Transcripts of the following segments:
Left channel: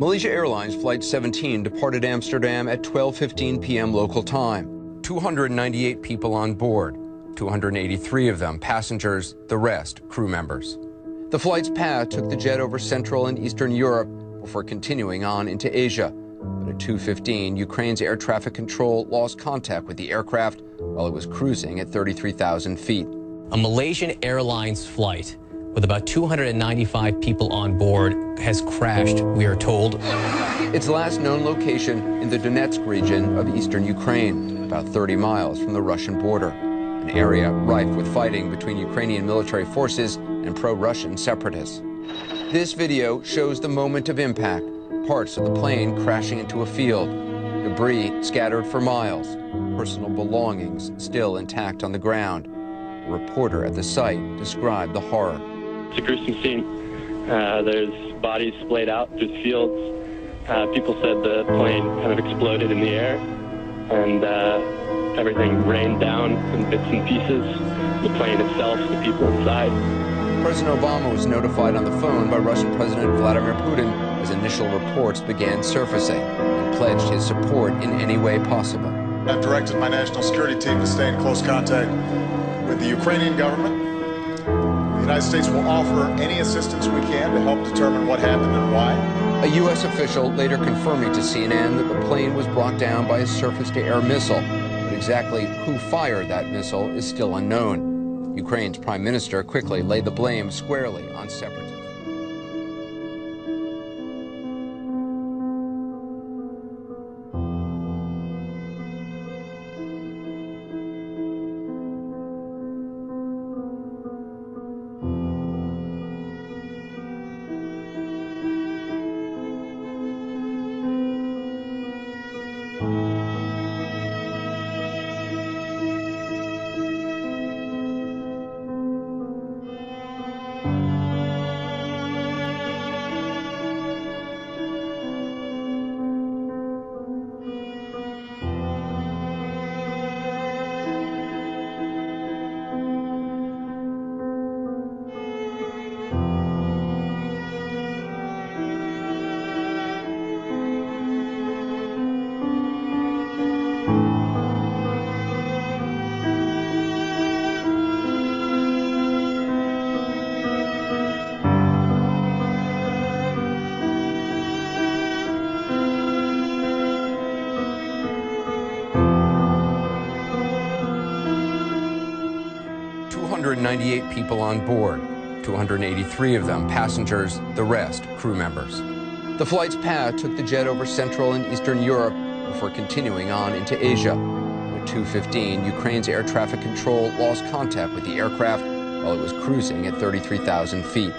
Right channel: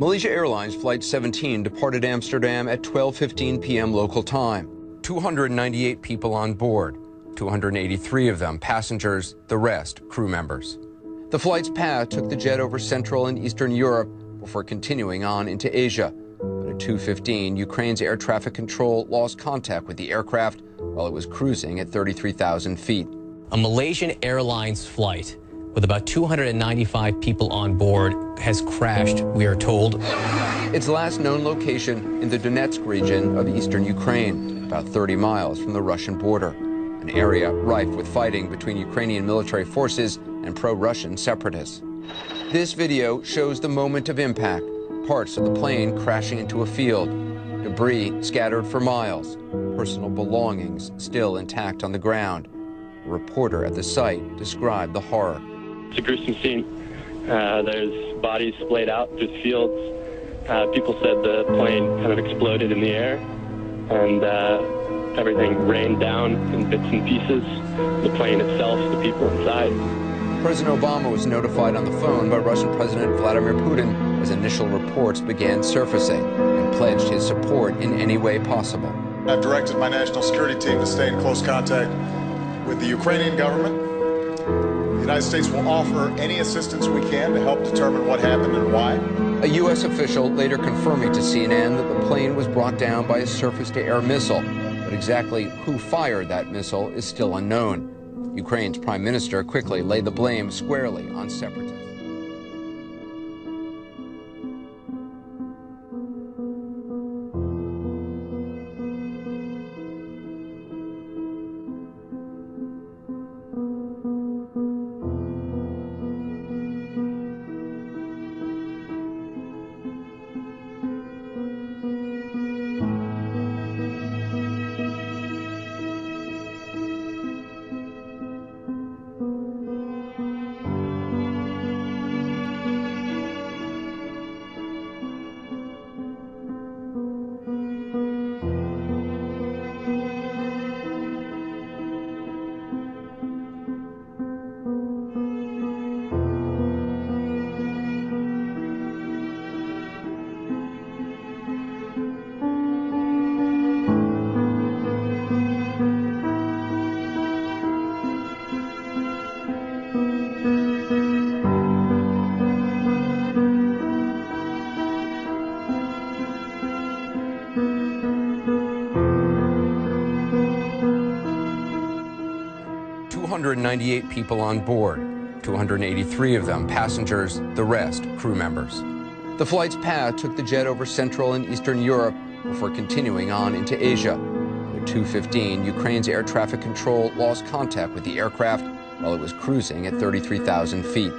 Malaysia Airlines Flight 17 departed Amsterdam at 12:15 p.m. local time. 298 people on board, 283 of them passengers, the rest crew members. The flight's path took the jet over Central and Eastern Europe before continuing on into Asia. But at 2:15, Ukraine's air traffic control lost contact with the aircraft while it was cruising at 33,000 feet. A Malaysian Airlines flight with about 295 people on board has crashed, we are told. Its last known location in the Donetsk region of eastern Ukraine, about 30 miles from the Russian border, an area rife with fighting between Ukrainian military forces and pro-Russian separatists. This video shows the moment of impact, parts of the plane crashing into a field, debris scattered for miles, personal belongings still intact on the ground. A reporter at the site described the horror. It's a gruesome scene. There's bodies splayed out through the fields. People said the plane kind of exploded in the air, and everything rained down in bits and pieces. The plane itself, the people inside. President Obama was notified on the phone by Russian President Vladimir Putin as initial reports began surfacing and pledged his support in any way possible. I've directed my national security team to stay in close contact with the Ukrainian government. The United States will offer any assistance we can to help determine what happened and why. A U.S. official later confirming to CNN that the plane was brought down by a surface-to-air missile, but exactly who fired that missile is still unknown. Ukraine's prime minister quickly laid the blame squarely on separatists. 298 people on board, 283 of them passengers, the rest crew members. The flight's path took the jet over Central and Eastern Europe before continuing on into Asia. At 2:15, Ukraine's air traffic control lost contact with the aircraft while it was cruising at 33,000 feet.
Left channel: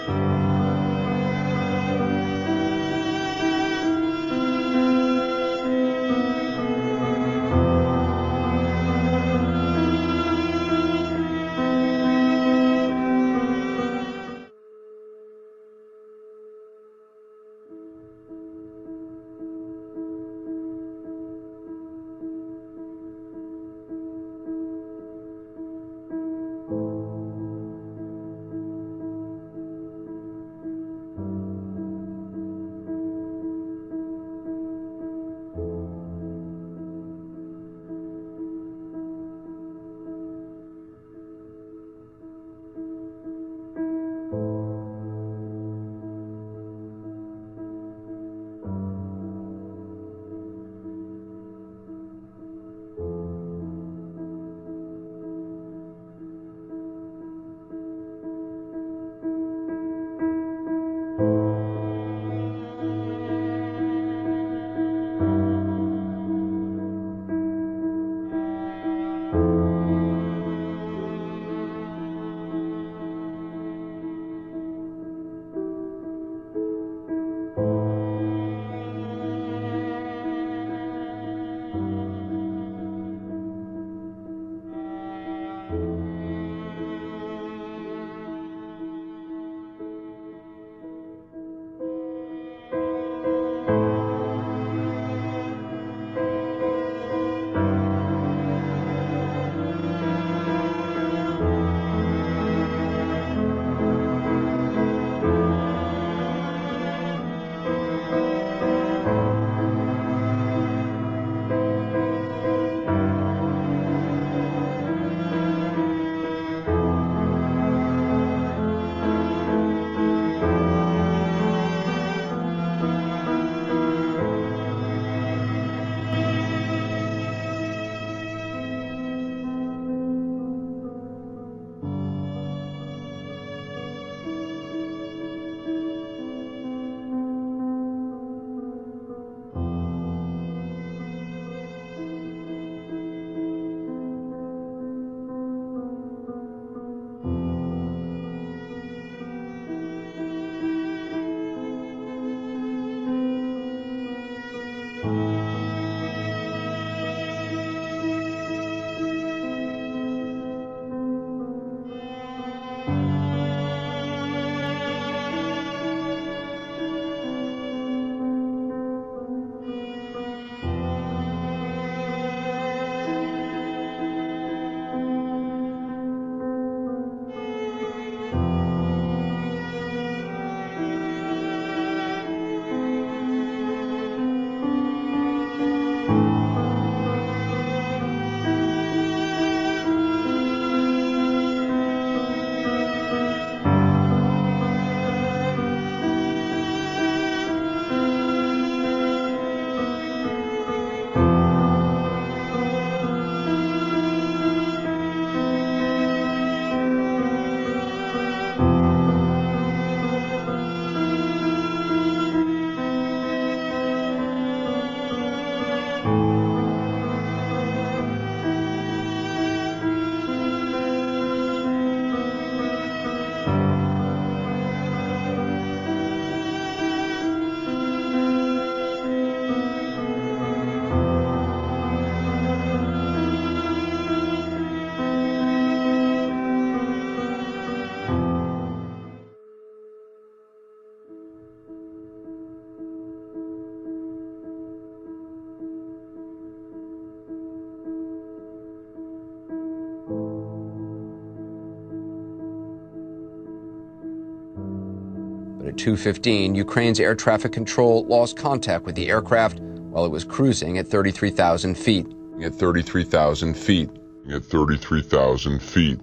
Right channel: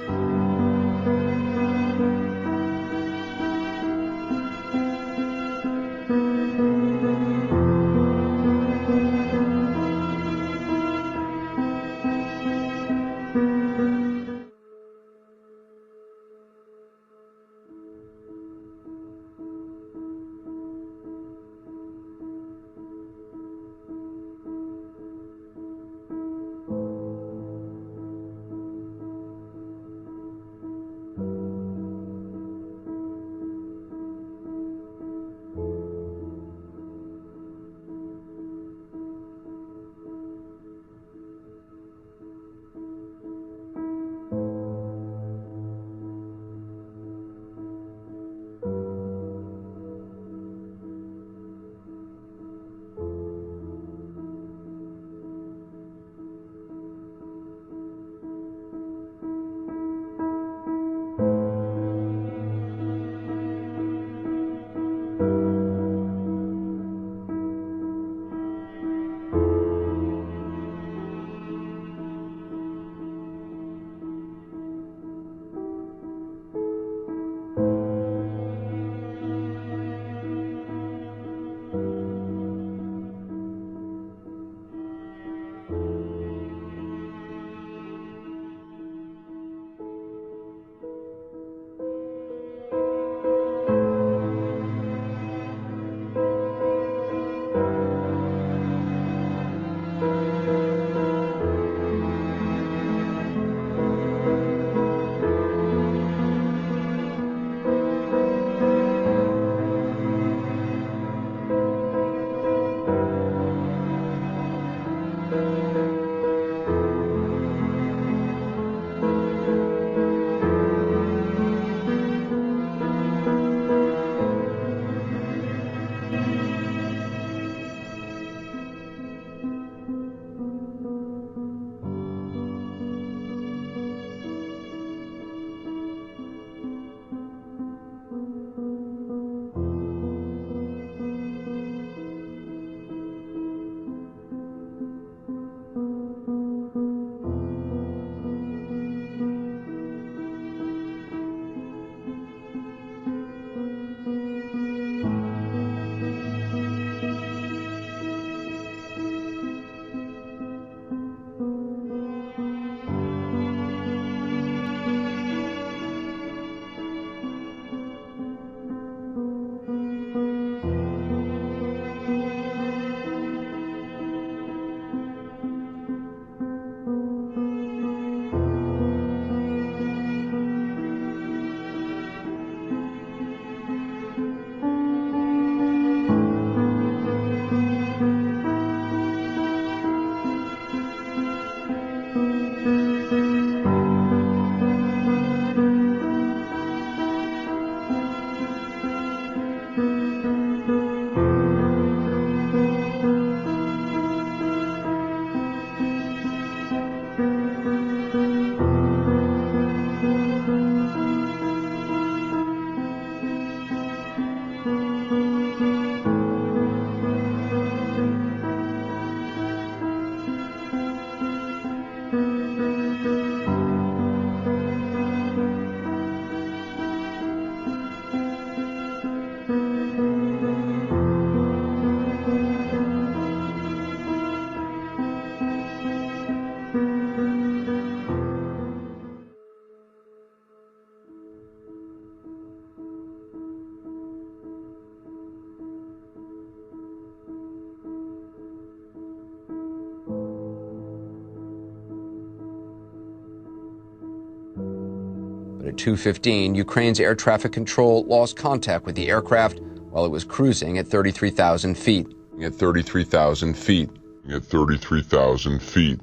But at 2:15, Ukraine's air traffic control lost contact with the aircraft while it was cruising at 33,000 feet. At 33,000 feet. At 33,000 feet.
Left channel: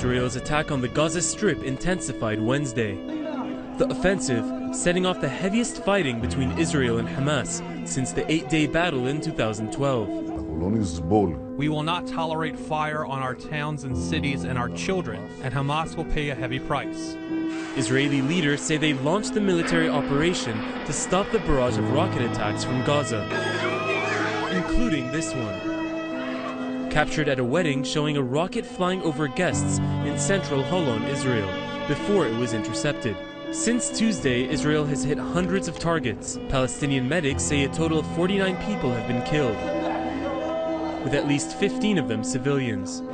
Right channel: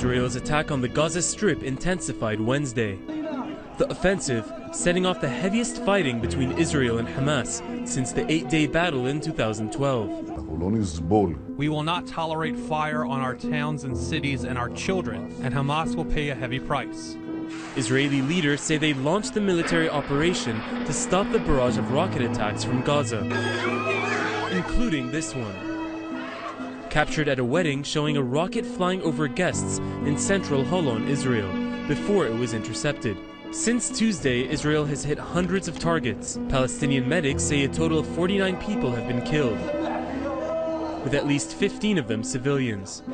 Israel's attack on the Gaza Strip intensified Wednesday. The offensive setting off the heaviest fighting between Israel and Hamas since the 8-day battle in 2012. We will not tolerate fire on our towns and cities and our children, and Hamas will pay a heavy price. Israeli leaders say they launched the military operation to stop the barrage of rocket attacks from Gaza, including this one. Captured at a wedding showing a rocket flying over guests in central Holon, Israel, before it was intercepted. Since Tuesday, Israel has hit hundreds of targets. Palestinian medics say a total of 49 people have been killed, with at least 15 of them civilians.